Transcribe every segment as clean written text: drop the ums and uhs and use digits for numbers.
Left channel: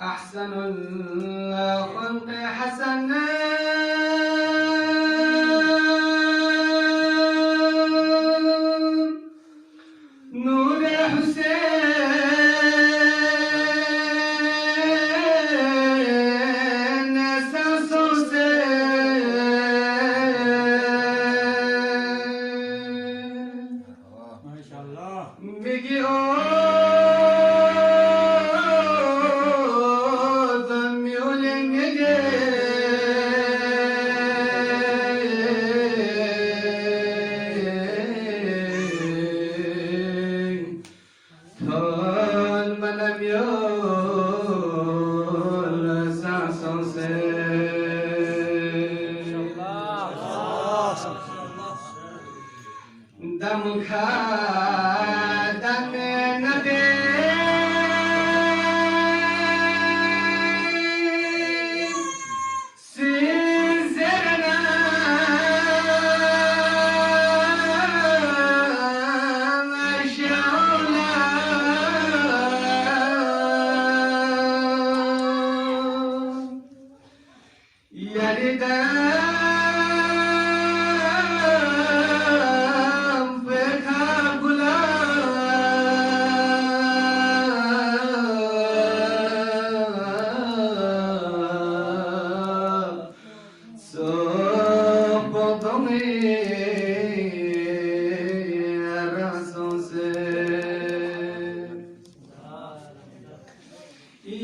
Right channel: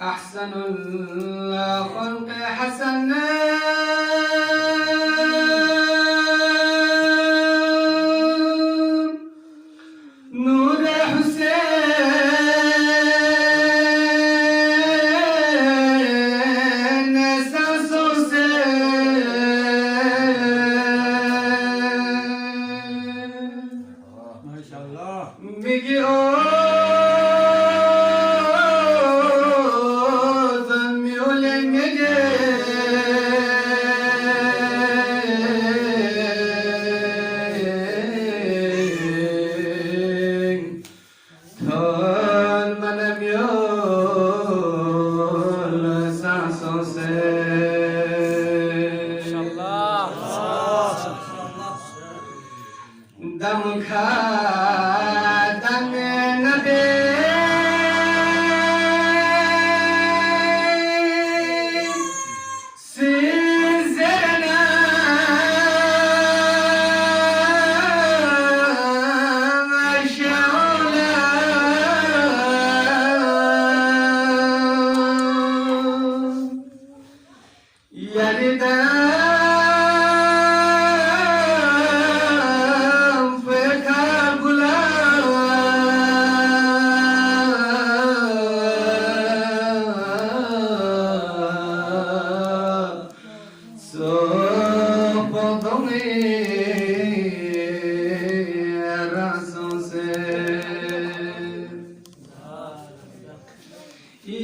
أحسن الخلق حسنا نور حسين سانسو سے MashaAllah. بگی او دم کھا دم نبی سیزنا شولا یریدا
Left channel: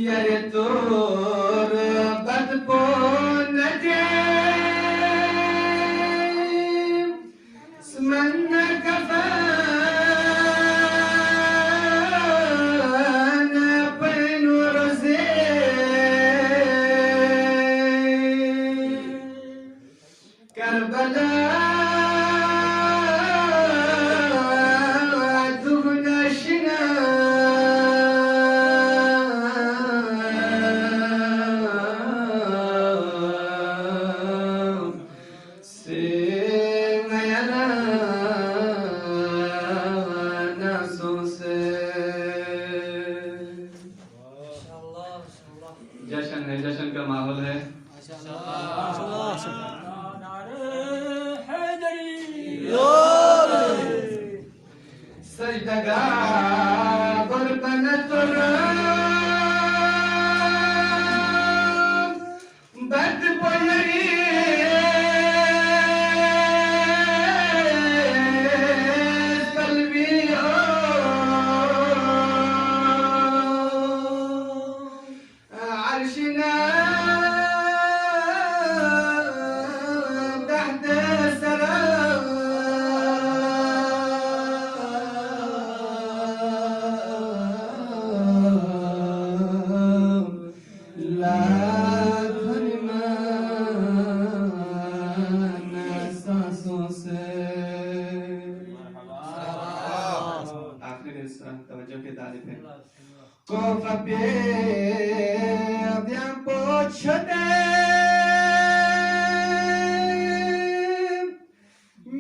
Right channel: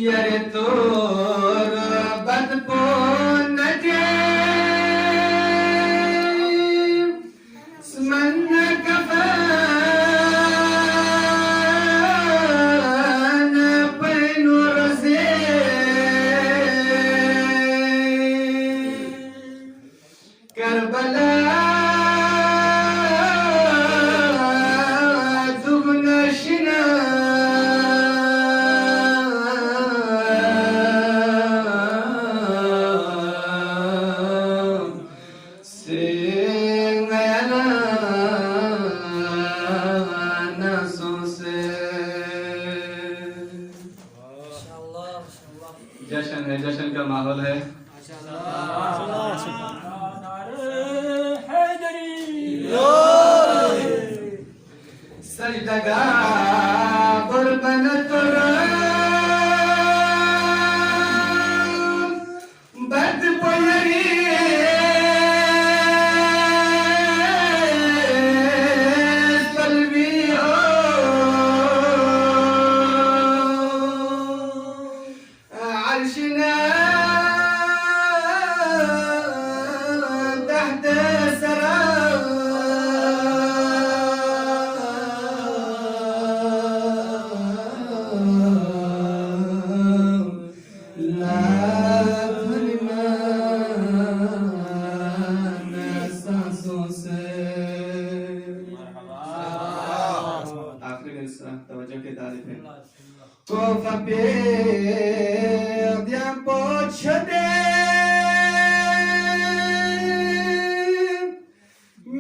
یاری تور بد پون دے سمن کفان پین رزے کربلا जश्न है, जश्न का माहौल है। सजदगा कुर्बन तुरा बद पुयरी कल्बी ओ عرشنا تحت سراب لا فرمان سانسوں سے آخری میں اس طرح توجہ کے طالب ہے کوفہ perdiam pochade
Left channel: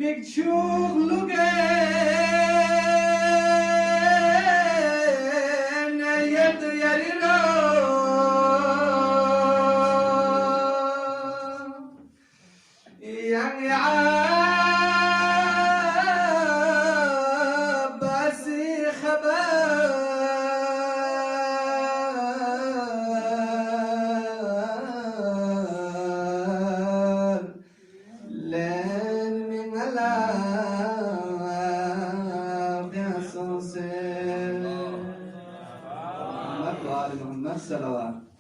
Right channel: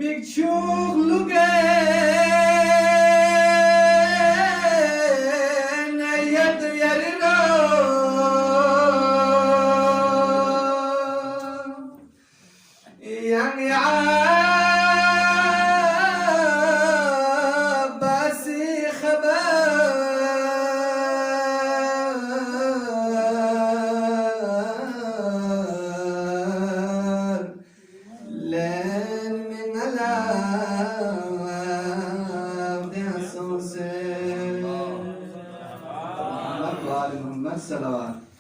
mikchuk lugen yad yarino yang ya basi khabar محمد صلوات